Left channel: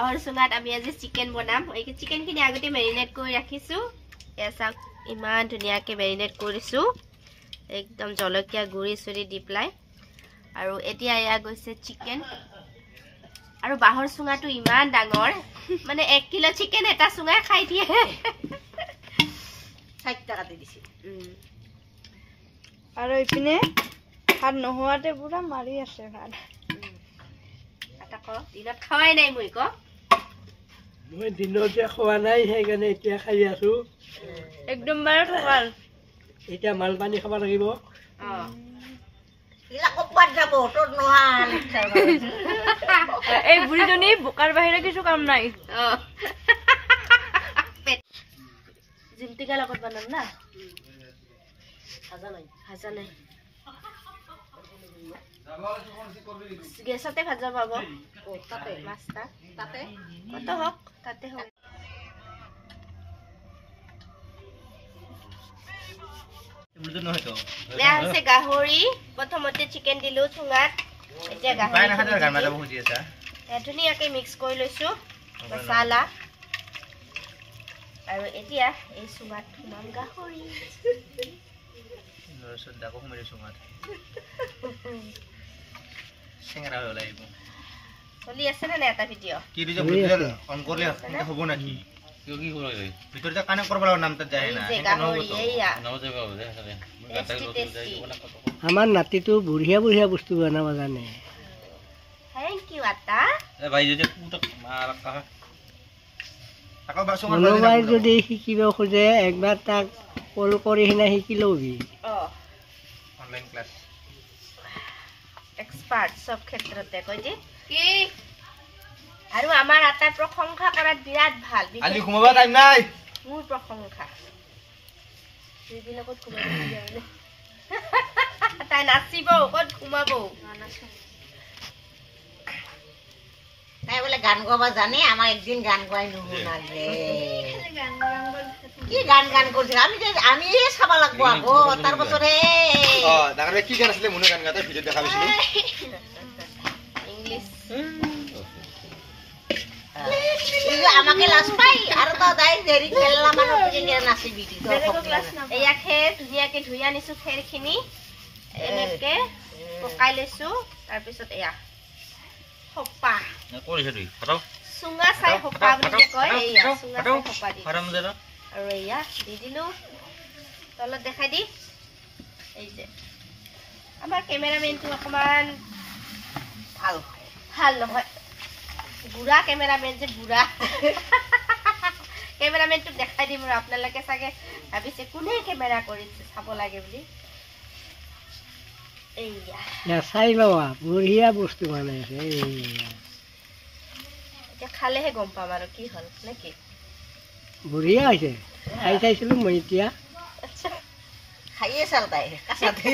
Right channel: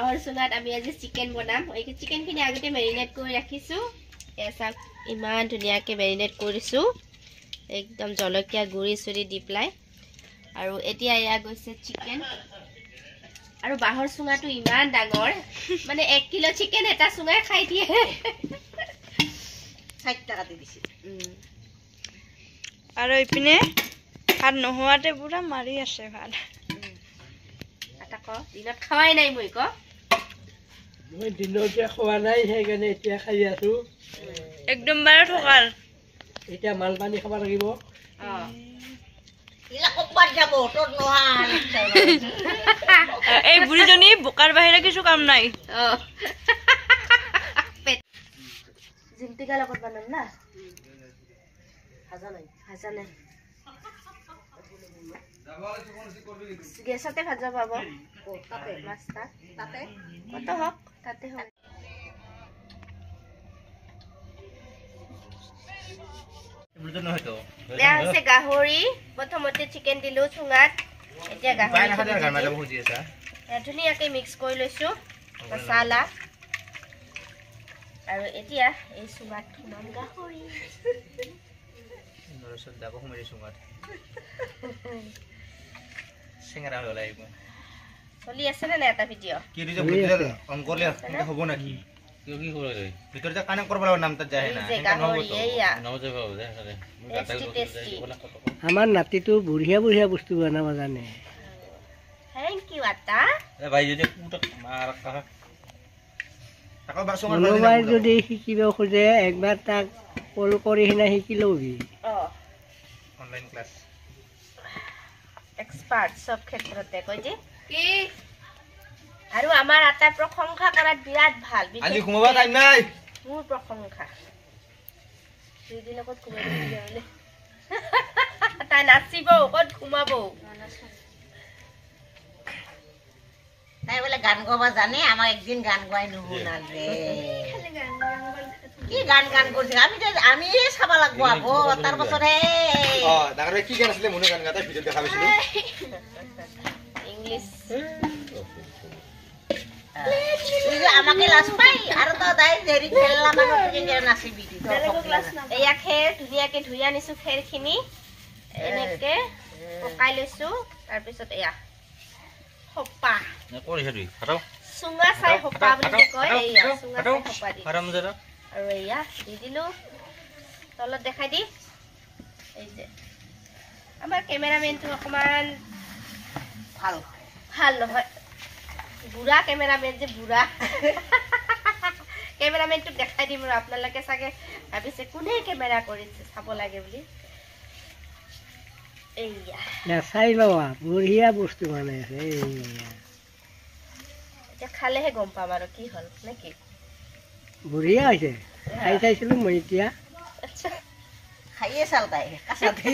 বাহৰ চুঙাত আমি আজি চিকেন বনাম এই চিকেন খিনি আগতে মেৰিনেট কৰি ৰাখিছো এসা ইমান ধুনিয়াকে মেৰিনেট কৰিছো একদম জলকীয়া গুৰি চুৰি দি প্লাই আৰু এতিয়া ইয়া গৈছে চিকেন আৰু বাহৰ চুঙাটো ইমান ডাঙৰ মানে 1 কিলো চিকেন এটা চুঙা খাই দিয়ে 60 টাকা দি দিছি আৰু ইপিনে ভাত নোহোৱাতে পুৰা মাৰি আছে ভাত এটা ক দিনত খাৱাই নাই মই দিনতে খোৱা নাই সেইকাৰণে এতিয়া খাই আছো একদম বাৰে ঠকাল এতিয়া মাল পানী খাব লাগিব ইলা কপাত যাব তোৰ নোহা এই বুঢ়ীজনী বোকাৰ বাহিৰে কিছু কাম নাই জিমটিকা লগত বনাম না ভাজা নাই গেছতে ভাজা পাব মাছটা তাতে কত হক তাতে হক বেয়া হৈছে গাহৰি প্ৰথমতে চিকেন দিলো চুঙাত এতিয়া গাহৰি ধুনীয়াকে মিক্স কৰি লৈছো মছলা আৰু এতিয়া এই চুঙাত থুমাম গাহৰি চলি আছে না এটা ভিডিঅ কি ৰিজ অন কৰলে হ'ব নাকি কি কি কৰে ভিতৰত যা কানে কৰবা নাম ত যায় না গাহৰি এইয়া নাম যাব টেষ্টি আমাৰ নাতিটো বুঢ়িয়া বস্তু বনাব জানে থ্যাংক ইউ আতা এ ভাই যদি পুটক মাৰ কাকা তাকো বাসো কোনোবাই যদি শিকিব খোজে একবাৰ তাক কল কৰি হিনা শিকি লবি অনলাইন ক্লাস এক্সপাৰ্ট সব ক্ষেত্ৰতে কই যে কি আৰু আমাৰ আটা প্ৰশংসা কৰাত বিৰাট ভাল আজি ঘুমাবা টাইম নাই মোৰ প্ৰশংসা দিদি লগত ঘুমাই দিলে তাই নাচিব ক'ত ঘুমাব তাই বলে গান গাবা জানে আমার একদিন গান গাই নুনালে কি গান করছিস আমি চাবা লাগবো আগো তার বছরে দাঁড়াবে কি গান আসলে মনে গান গাতে ভিডিও দেখাবিছিল ইংলিশ আমাকে লাজ পাই আৰু তো দাই দেৰি খেললা মানুহ কেনে নাচিবি এয়া খেৰ ধুনীয়াকে ধুই আনিছো খেৰখিনি এনেকে পকাই লৈছো তাৰ পিছত এয়া হপা কৰিছে দুই ফটো সুঙা চাই হপা বুলি যে কয় এয়া সুঙা চাই হপা দি আৰাম জৰা আৰু এয়া দি দিলো তলত দেখাই দি এই যে আমাৰ কেমেৰামেনটো অকমান ভাল নহয় বুঢ়া কেমেৰামেন যে বুঢ়া কেমেৰামেনটোক দেখাই দিম আৰু আপোনালোকে চাগে ভাবিছে কোনে কেমেৰা কৰিছে চাব লাগে বুলি এইয়া চাই লবা বুঢ়িয়া বস্তু বনাইছে এতিয়া খালেহে গম পাম আৰু কি হ'ল নেকি বুঢ়িয়া হৈছে খাই চাইছিলো মই এতিয়া খাইয়ে চাল তাই কাছাতে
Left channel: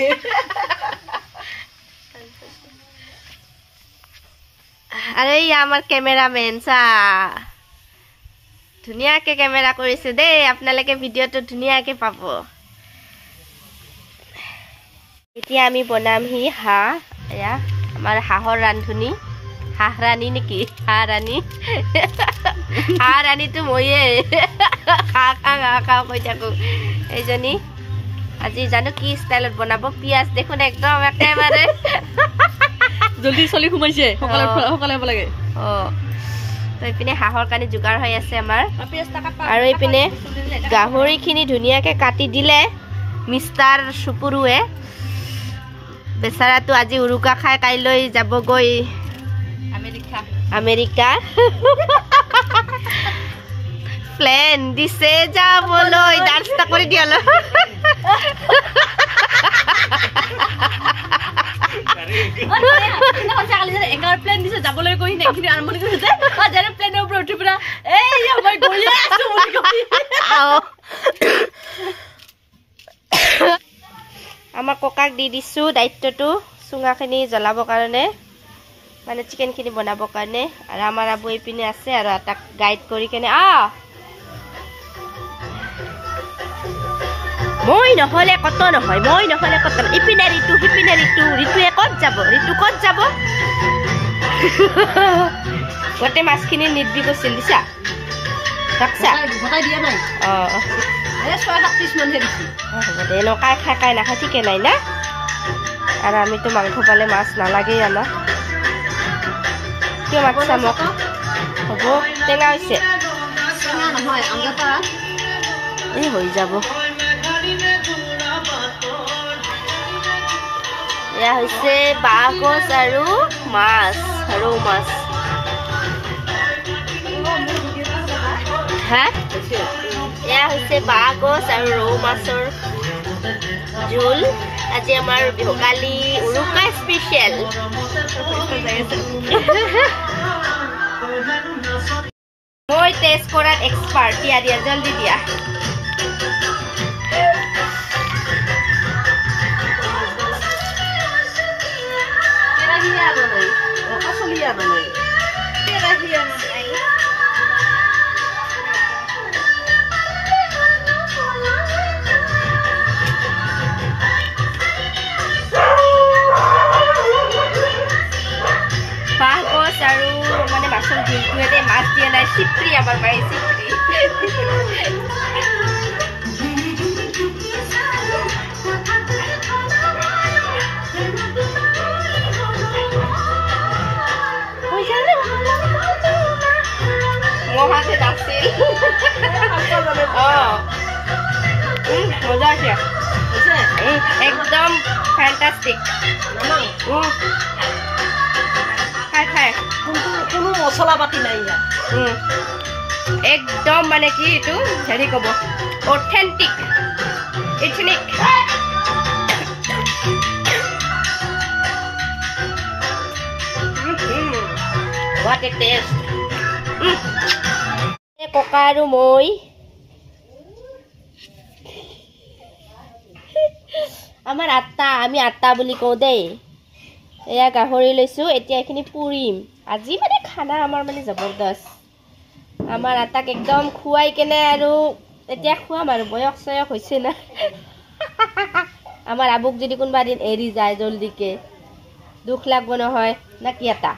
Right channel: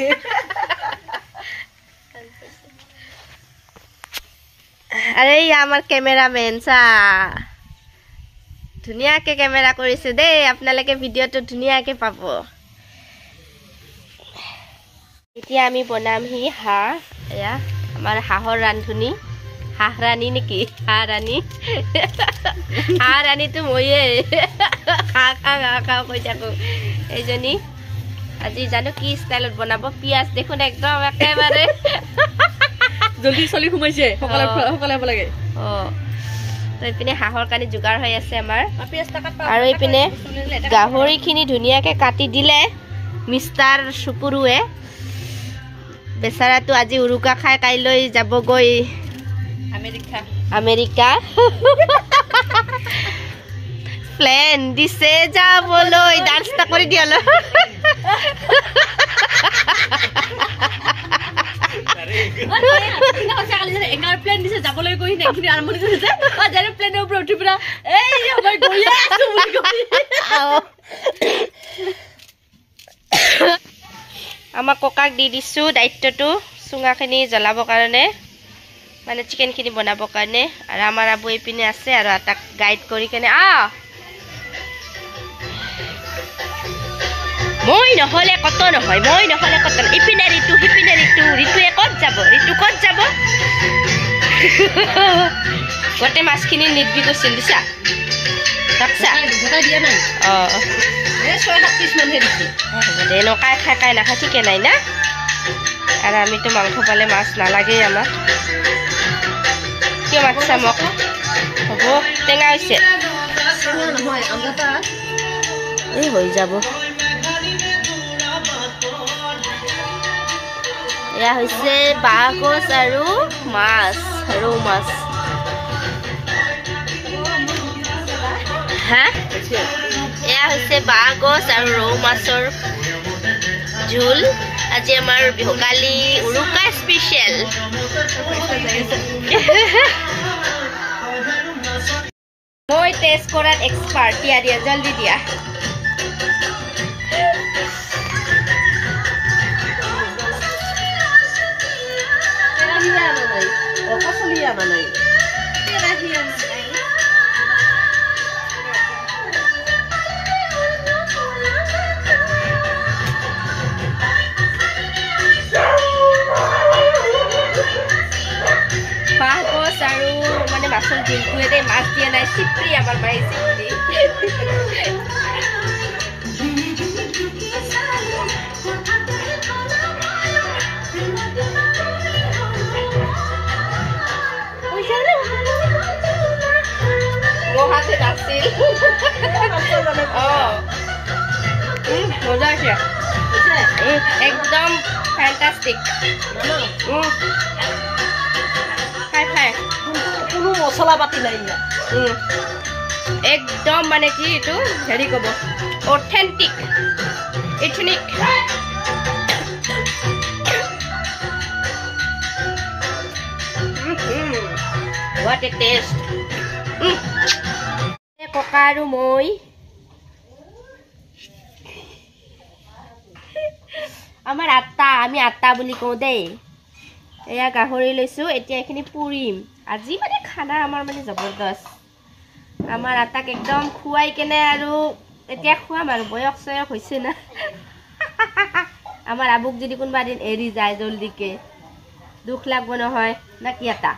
আরে আমার ক্যামেরাম্যান চা ধুনিয়াকে ক্যামেরা কৰিছে দেই আপোনালোকে ভিডিওটো ধুনিয়াকে পাব এতিয়া আমি বনামহি হাঁহ এয়া আমাৰ হাঁহৰ ৰান্ধনি হাঁহ ৰাণী নেকি হাঁহ ৰাণীটো মইয়ে খা কৈ থাকো এইজনী আজি জানো কি ষ্টাইলত বনাব পিয়াজ দেখোন একদম একেবাৰে জলদি চলি ঘুমাইছে সকলে লাগে তো ইপিনে হাঁহৰ কাৰণে যোগাৰ হৈ আছে আমাৰ আৰু ইপিনে গাহৰিখিনি ধুনীয়াকে কাটি দিলে মিষ্টাৰ সুপুৰুৱে বেচাৰাটো আজি উৰুকা খাই কাইলৈ যাবগৈ আমেৰিকা প্লেন দিছে যাবলৈ ডান্সটা কৰি দিয়ালো প্লেন দিছে যাবলৈ গৈ নেকি আৰম্ভণি কৰিছে যেনে প্লেনৰ ওপৰত উঠি পেলাই এই মই গৈ আছো আমাৰ ককাক দি দিছো দায়িত্বটো চুঙাখিনি জ্বলাবৰ কাৰণে মানে চিকেনখিনি বনাবৰ কাৰণে আৰু আমাৰ আবু এইপিনে আছে আৰু তাক গাইড কৰি কেনে মই নহলে কত নহয় ইপিনে ঋতু সিপিনে ঋতুৱে ক'ত যাব গোটেই মাছখিনি নিদবি কৈছিল দিছা ৰাখছা গোটাই দিয়া নাই অঁ 6-7 পিছ মানহে দিছে হ'ব দে এনেকুৱাই খাই নাখায় ঠিকে নাই না আৰু আমিতো মাংস পালে মাছ নালাগেই আমাক কিয় মাতিছা মোক হ'ব টেঙা হৈছে নহয় আঞ্জাটা এই হৈ যাব এয়া হৈছে বাঁহগছ আৰু মাছ ৰৌ মাছ হা এয়া হৈছে বাঁহগছ আৰু ৰৌ মাছৰ জোল আজি আমাৰ ভোগালী উৰুকা স্পেচিয়েল মই টেষ্ট কৰাত এক্সপাৰ্ট দিয়া জলদি দিয়া বাঁহগছ আৰু মানে মাছৰ জোলটোৱে দেই মাছ দিয়া নাই চিপৰি আমাৰ বাৰী চিপৰি মহাতে আছিল মজা আছে একদম ফ্যান্টাস্টিক খাই কোনো মছলা পাতি নাই একদম মানে কি এইটো হেৰি ক'ব authentic ethnic What a taste. ককা আৰু মই আমাৰ আমি আটা বুলি কওঁ দেই এয়া গাহৰি লৈছোঁ এতিয়া এইখিনি পুৰিম আজি মানে খানা আমাৰ মানে জবৰদস্ত আমাৰ আটাক একদম খুৱাই কেনে আৰু এতিয়া খুৱাম আৰু বয়স হৈছে না আমাৰ আবুক যদি কোনোবা দিন এৰি যায় জলদিকে দুখ লাগব নহয় না কি আটা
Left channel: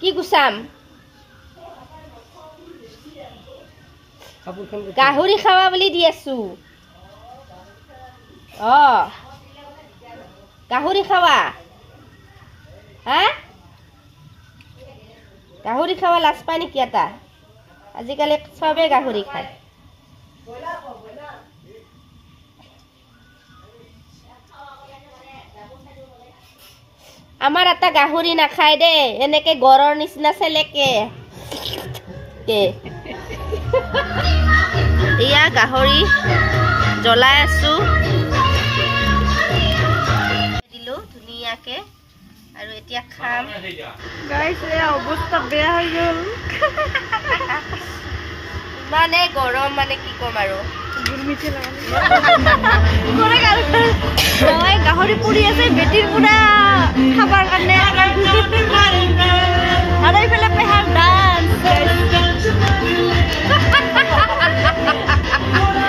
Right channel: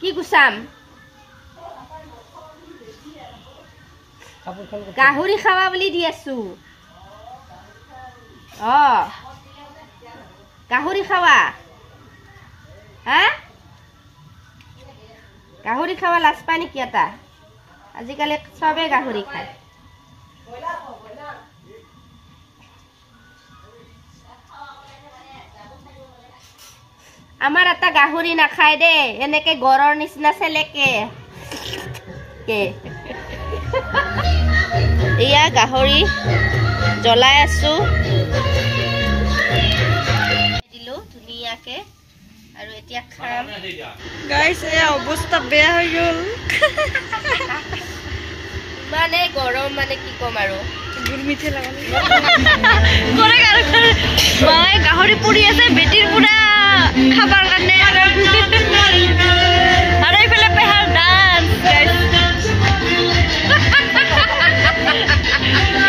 কি গুছাম গাহৰি খাৱা বুলি দি আছো গাহৰি খাৱা হা গাহৰি খাৱা লাজ পায় নেকি এটা আজিকালি চবে গাহৰি খায় আমাৰ এটা গাহৰি নাখায় দে এনেকে গৰৰ নিচিনা চেলেকে এয়া গাহৰি জ্বলাই আছো দিলো ধুনীয়াকে আৰু এতিয়া খাম গাইস এ অৱস্থা বেয়া হৈ গ'ল মানে গৰম মানে কি কম আৰু গুলমিঠে কৰে গাহৰি পুৰি আছে বেটিৰ পুৰা খাবাৰ কাৰণে আৰু এইফালে পেহাৰ ডান্স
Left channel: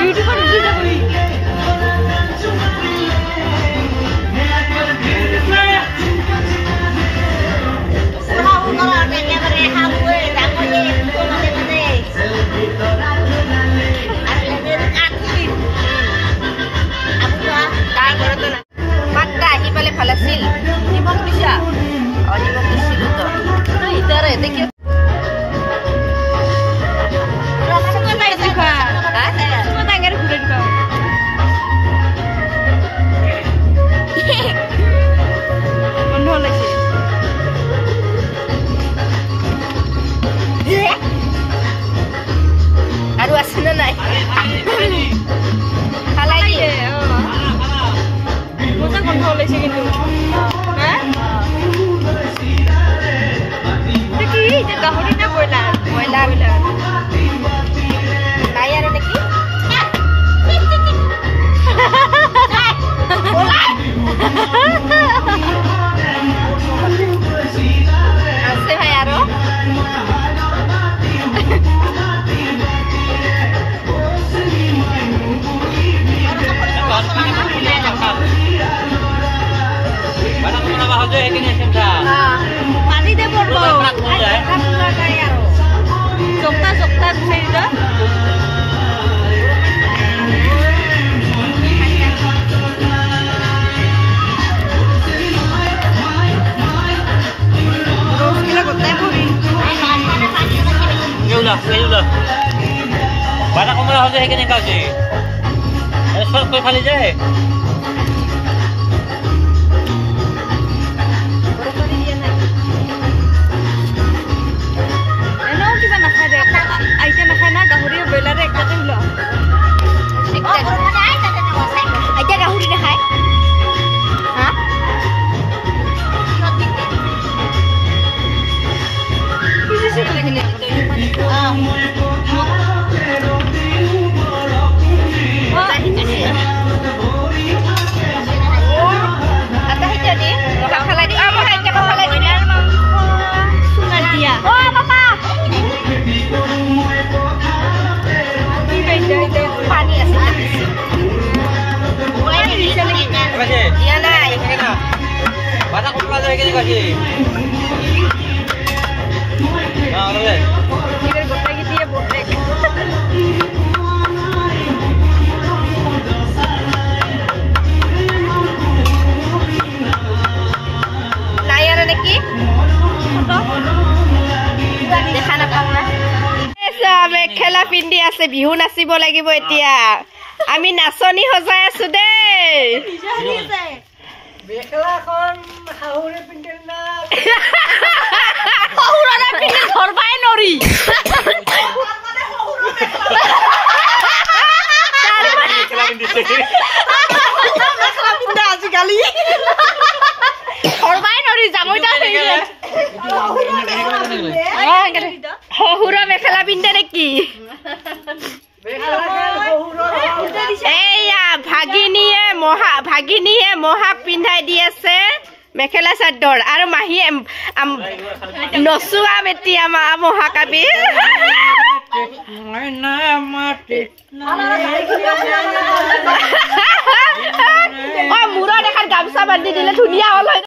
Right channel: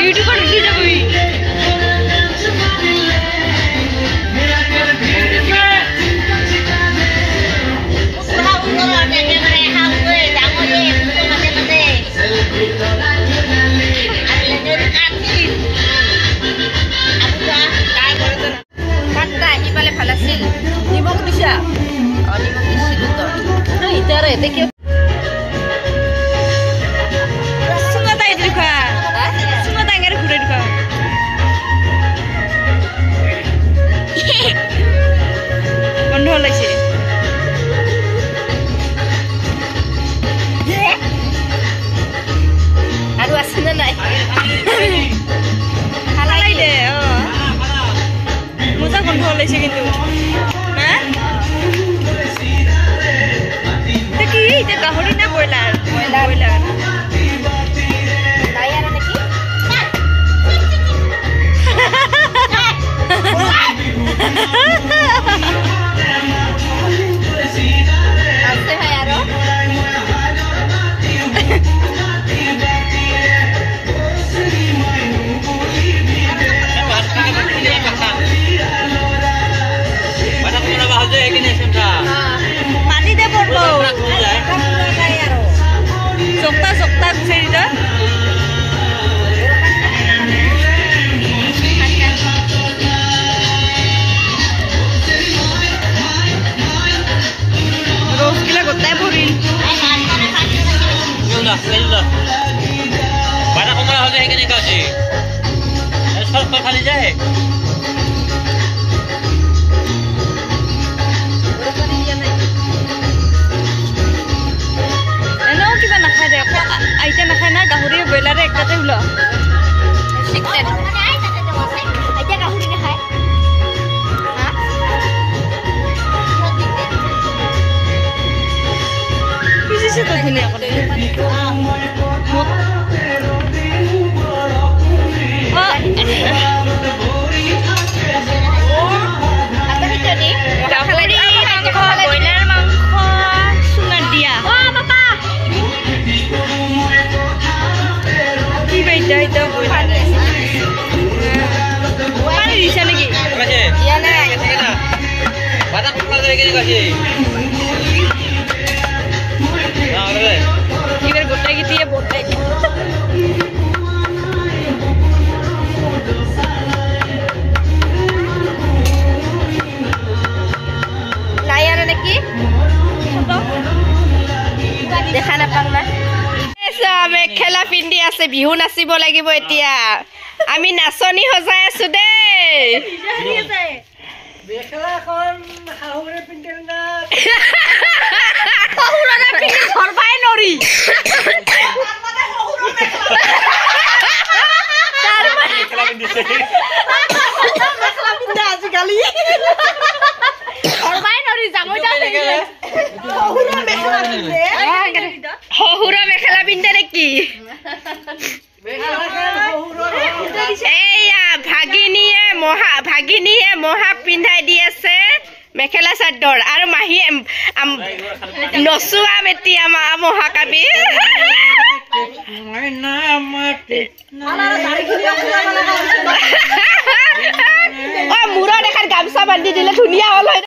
ইউটিউবত উঠি যাবি ভাল আছিল নিমখ দিছা নিমখ দিছিলো তো ইতারে দেখি বন্ধ ওলাইছে আৰু আছে না নাই মজা গন্ধ ওলাইছে কিন্তু কি এতিয়া গাহৰি না ব্ৰইলাৰ ব্ৰইলাৰ নাই আৰু নেকি আছে ভাই আৰু Mana জক্তা জক্তা গুচাই দিছা রসগিলা গোটাই ভরিল বাটা কমলা হলে সেইখিনি কাছে সব খালি যায় এনেও কিবা নাখায় দে আইতা নাখায় না গাহৰি ব্ৰইলাৰে একটাতে ওলোৱা এতিয়া গাহৰি নাখায় পিচিছে তো ধুনীয়া ব্ৰইলাৰ মাংস চুঙাত দিয়া দিয়া নাই বাটা কমলা যায় সেইখিনি কাছে এবার গোটাই দিয়ে বটাই নাই আৰু নেকি দেখা নাপাওঁ না মেখেলা পিন্ধি আছে বিহু নাচিব লাগিব এতিয়া আমি নাচনী সজাই আছো দেই মেখেলাখন শাহুৰে পিন্ধিল না ধৰবাই নৰি আজিকালি ধৰবাই নৰি জাঙৈটা শহুৰৰ মেখেলা পিন্ধে নেকি এইয়া ভাগিনীয়ে মহাক পিন্ধাই দি আছে মেখেলা চাদৰ আৰু মাহীয়ে নচুৱাম এতিয়া মহাকাবি মূৰত এখন গামোচা বান্ধি দিলে ধুনীয়া হ'ল হয়